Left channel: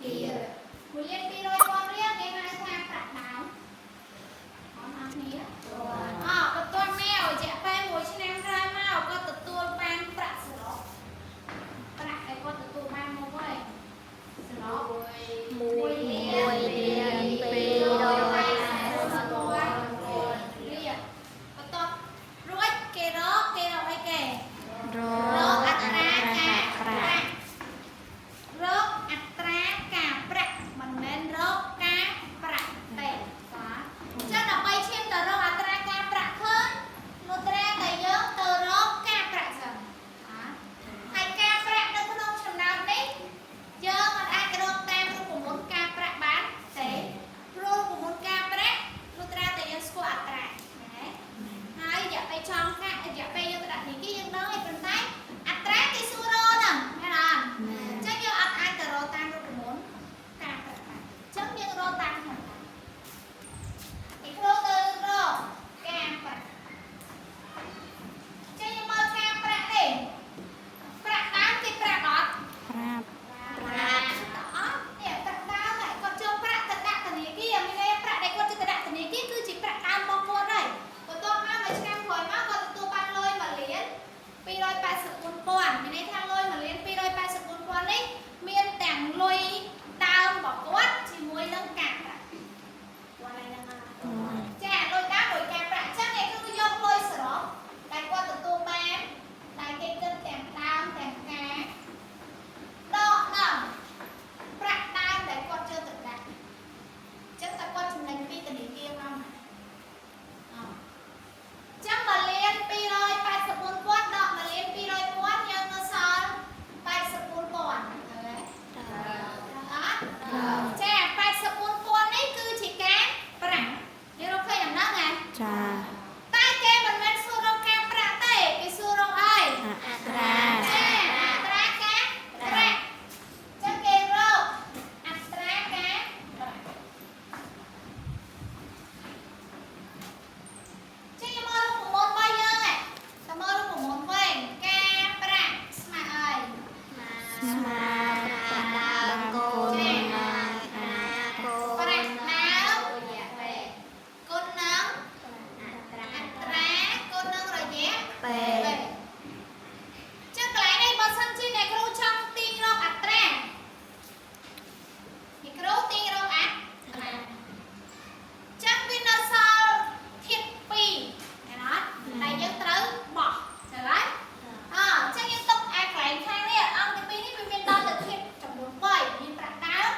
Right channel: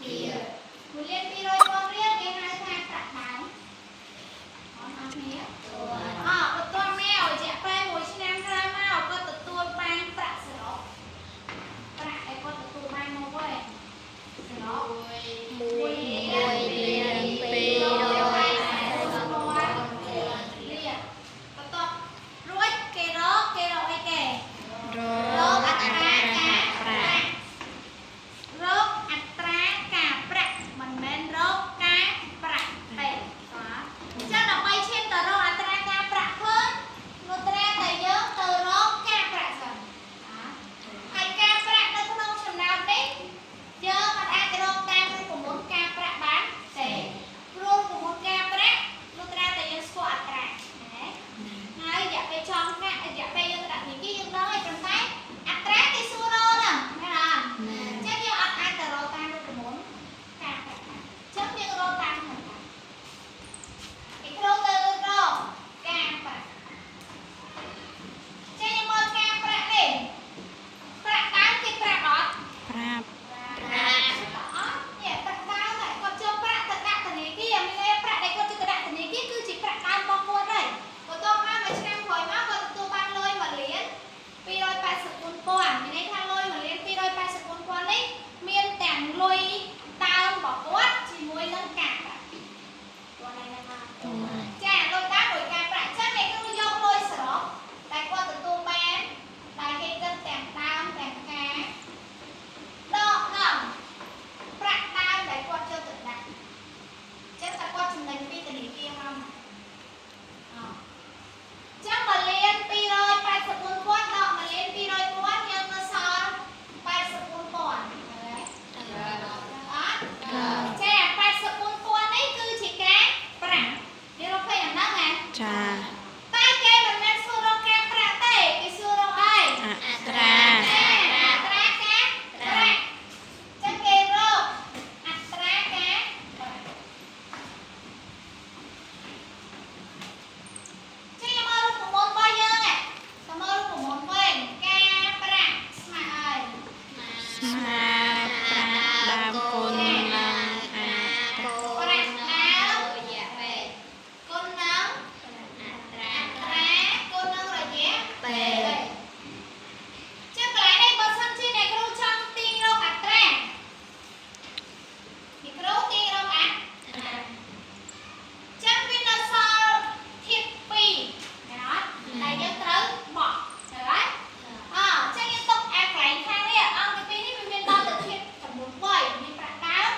មួយលាន200ពាន់រៀលគេហៅថាប្រាក់ដើមអស់គ្នាបន្ទាប់មករយៈពេល1ឆ្នាំក្រោយមកគាត់ទទួលបានប្រាក់សរុបប្រាក់ដែលគាត់ទទួលបានមកវិញសរុប1លាន240,000រៀលបន្ទាប់រួចគេរកអីគេរកអត្រាការប្រាក់រកអត្រាការប្រាក់មិនមែនរកការប្រាក់ទេបាទអញ្ចឹងដើម្បីឈានទៅរកអត្រាការប្រាក់ឃើញនោះត្រាតែយើងទៅរកការប្រាក់សិនហើយការប្រាក់នៅក្នុងចំណោមនេះយើងមិនអាចរកតាមរូបមន្តការប្រាក់បានទេព្រោះរូបមន្តការប្រាក់នោះត្រាតែយើងស្គាល់អត្រាណាហើយរយៈពេលចង់កាក់រយៈពេលយើងទៅដាក់ធនាគារយើងដឹងហើយប៉ុន្តែអត្រាគេសួររកហ្នឹងណាអញ្ចឹងយើងអត់អាចទៅរកតាមរូបមន្តការប្រាក់បានអញ្ចឹងយើងរកតាមហ្នឹងគេគ្រូទៅរកការប្រាក់ចេញមើលការប្រាក់នេះប្រាក់ដើមគេប្រាប់អត់ប្រាប់អត់នេះប្រាក់ដើមតែគាត់ចូលប្រាក់ទៅដាក់ធនាគារមានប្រាក់ដែលគាត់ទៅដាក់ធនាគារគឺជាប្រាក់ដើមរបស់គាត់ហើយបន្ទាប់មកមួយឆ្នាំក្រោយមកគាត់ទទួលបានលុយ1លាន284,000មានន័យថាលុយ1លាន284,000នេះមានទាំងលុយដើមរបស់គាត់ជាមួយនឹងការប្រាក់គាត់ឯហ្នឹងចាលុយដើមលុយការប្រាក់អញ្ចឹងគេគឺយកលុយសរុបតែគាត់ទទួលបានតែគេគិតទាំងដើមទាំងការដកនឹងប្រាក់ដើមដែលគាត់ចូលទៅដាក់អញ្ចឹងតែគាត់ចំណេញពីធនាគារមកចឹង1លាន284,000ដក1លាន200,000យើងនៅសល់84,000ហើយអត់ចា84,000នេះគឺជាការប្រាក់យើងរកឃើញអាហ្នឹងហ៎ចាតែគេមិនមែនសួររកការប្រាក់ទេគេសួររកអីអត្រាចាអត្រាការប្រាក់ចឹងគេរកអត្រាការប្រាក់ចេញមករូបមន្តរបស់យើងទៅមើលរូបមន្តវិញការប្រាក់ស្មើអីស្មើប្រាក់ដើមគុណនឹងប្រាក់ដើមគុណនឹងអត្រាគុណនឹងរយៈពេលចឹងកន្លែងនេះបើសិនជាអ្នកគ្រូចង់ទាញរកអត្រាអ្នកគ្រូទាញរកអត្រាចឹងវានៅសល់ធាតុ2ណាតែយើងត្រូវបោះឃើញហើយចឹងយើងទុកកន្លែងខាងនេះអង្គទី2នេះវាមានដល់ទៅធាតុចំនួន3មានប្រាក់ដើម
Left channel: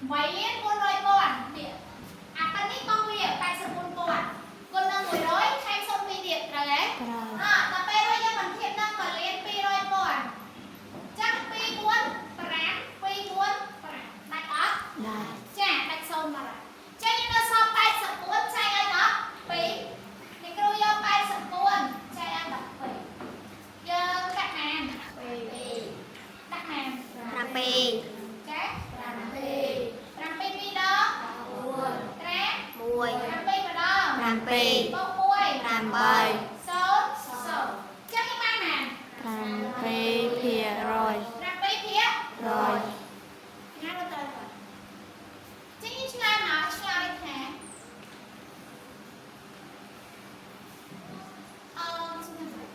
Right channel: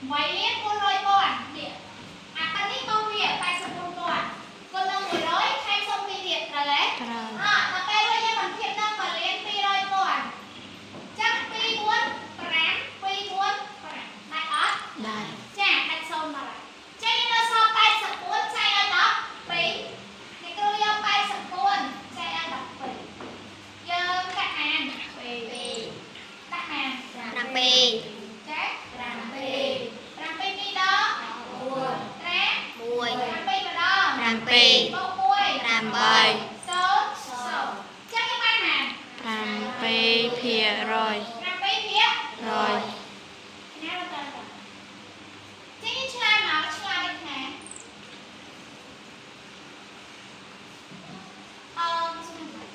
vậy con rồi con điện à cái này con việc tại sao con đang ngồi nói hay xong đi điện rồi đấy à tập bay rồi nha mình thiệt năng mà lên pi rồi con chắc pi muốn đại ớt chả đặt sông mà chắc như nó so tay sập cuốn chạy ăn đó pi thì cứ vô tay sập cuốn chạy ăn đó pi giờ đặt hàng Răng pi đi đó răng pi vào đó bông môi số chắc cái ban hàng răng pi phía ngay bên tay rồi chắc như chla nào chla đi thả xin lỗi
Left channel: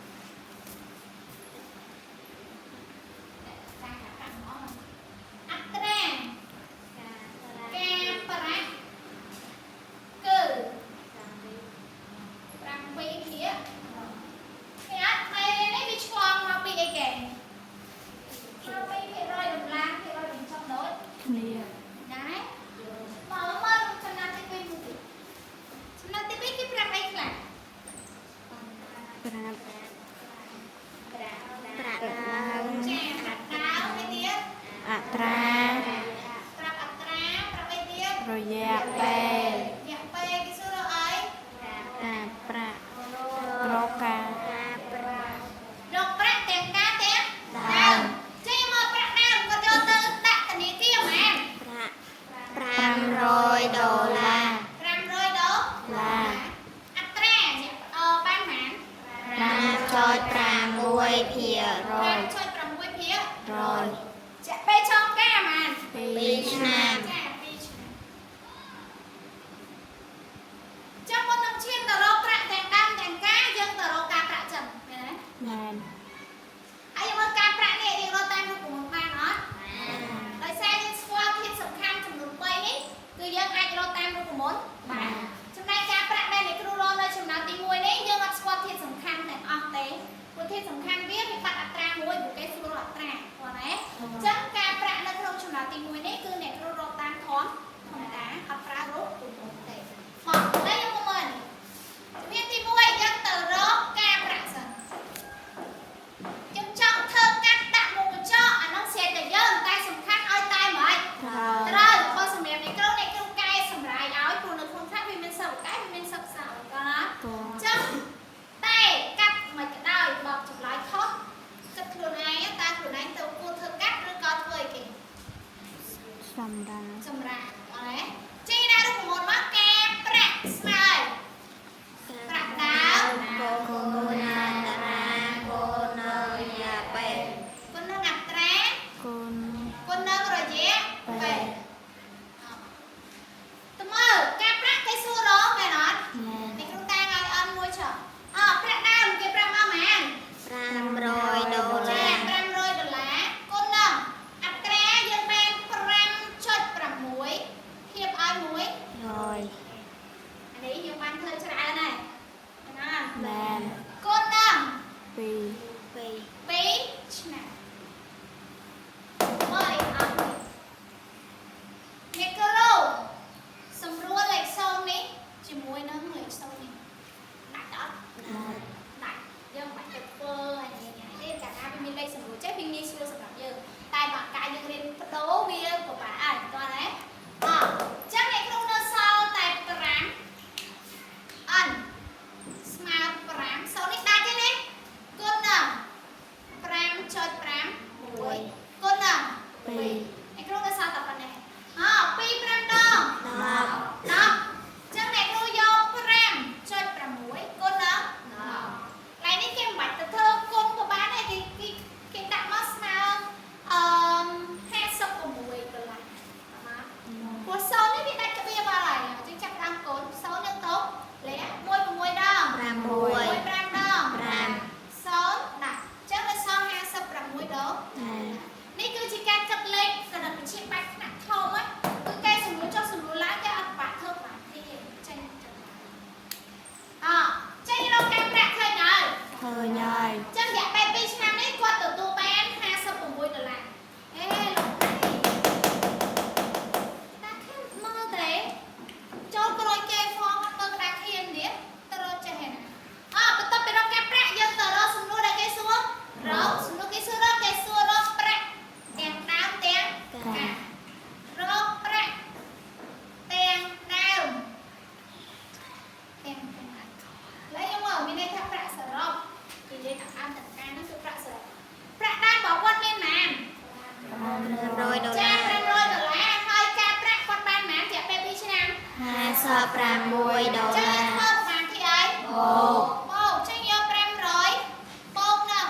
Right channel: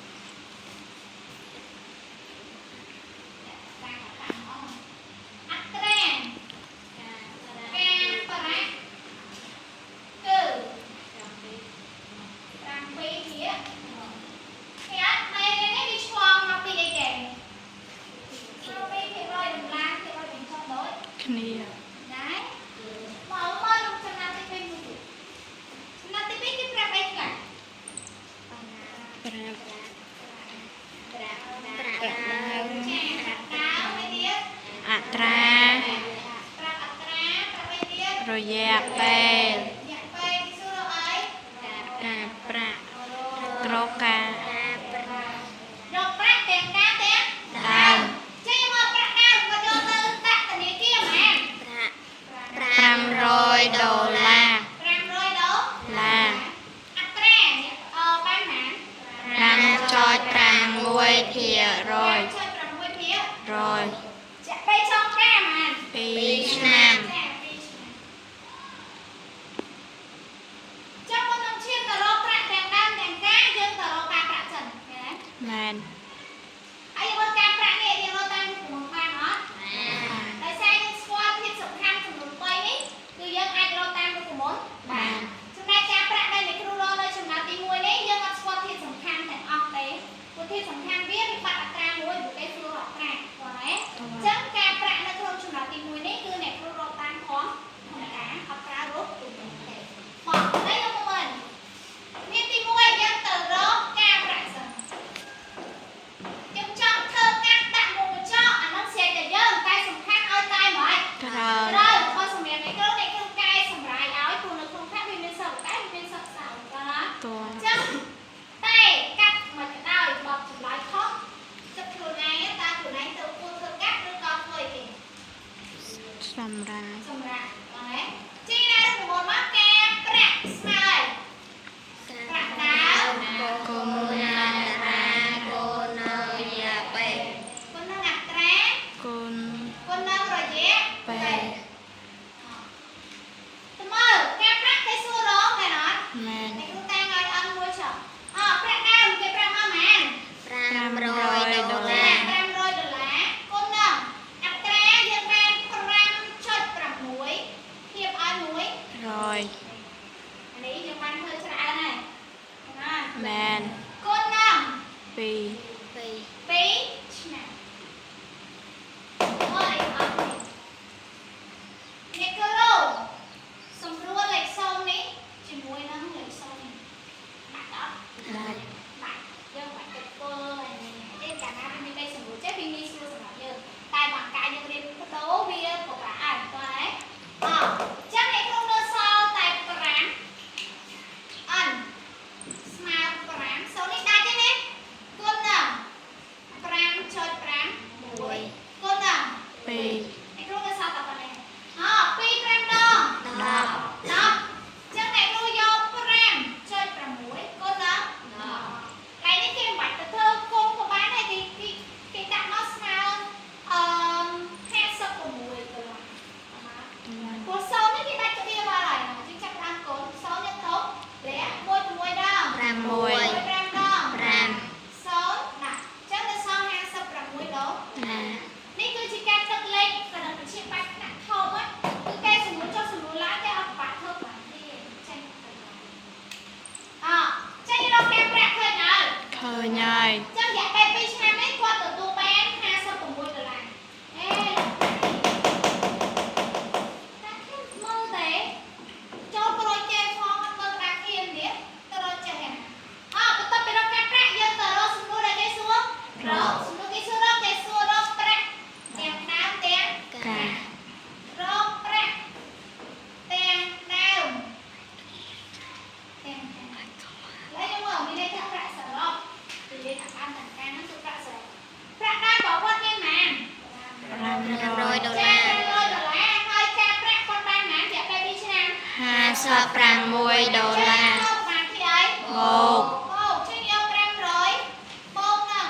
rồi dạc bè rô ca tiền cá tiền chứ mà bạc đào có cho tư tạc tình ý kia mà $500 là ban hẳn răng cho $6 rồi chạy bê cho ca mà Pi Nam trong một năm chuyên tờ lô bạc tiền đăng tiền cá dân tờ lô ca bạc trần man ai yêu ca bạc này yêu lô tam của một ban đó tại sao những squat thiết sụp khăn trong đường quay ấy cứ dân ai lô tam của một bàn trong đây ca bạc đây này cứ lô đây trong nào tí mùi đấy dân squat thiết sụp khăn thành ọc tế của thiết sụp khăn viết thì bạc tra mùi của cái xưa là tra còn đấy chẳng ca bạc nó không trong nào tí mùi đấy cứ này cứ lô tam thoáng không đá ọc ra rốt bỏ đây không mình miền tí mùi dân từ rốt ca bạc sẵn trong thơm cắt đặt một cho nó sẽ để dơ tay sùng khác ơi tay mời rồi thôi sùng đẹp này cái cây sùng rải áo của nó không khác vì mình sợ cái mình sợ sợ con đó chắc tay cắt mà cái đau bọc chụp lại thoát chụp thường này ta thường này từ cô thơm cắt đứa con cười kìa sùng ra con đấy chi ra được một mắt kem bạc smile bạc đáo con nâng rồi nhé tụi mơ cái bạc cái xua đó này nói này chúng ta ngồi ăn mua chợ bạc nào cái bạc mà màn $500 con nâng atra dân ban pram chốt bạc muối hiệp ai muối rồi anh ấy 500 ចា$500ហើយការប្រាក់គាត់បានប៉ុន្មានជាក់ពេល2ឆ្នាំ 56 ដុល្លារ ចាបានគេអី បូក បូកចឹងយក500បូកនឹង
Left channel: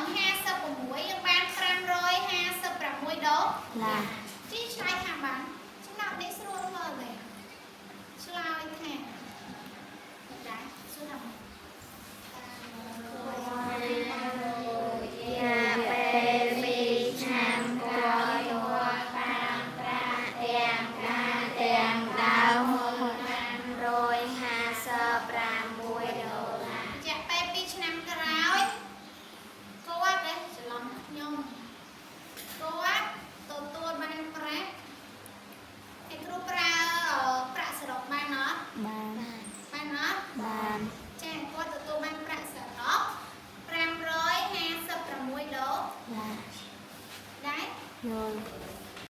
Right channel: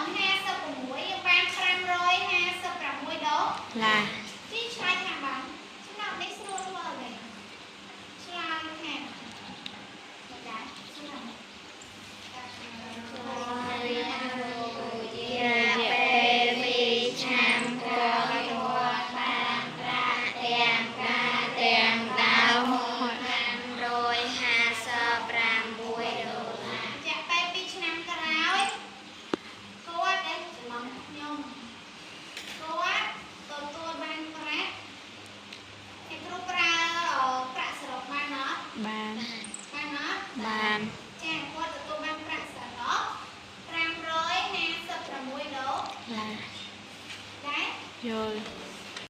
56យើងបាន556ដុល្លារ ជីឆ្លើយខាងបានចំណុចនេះស្រួលមើលទេឆ្លើយខាងមិនដែរស្រួល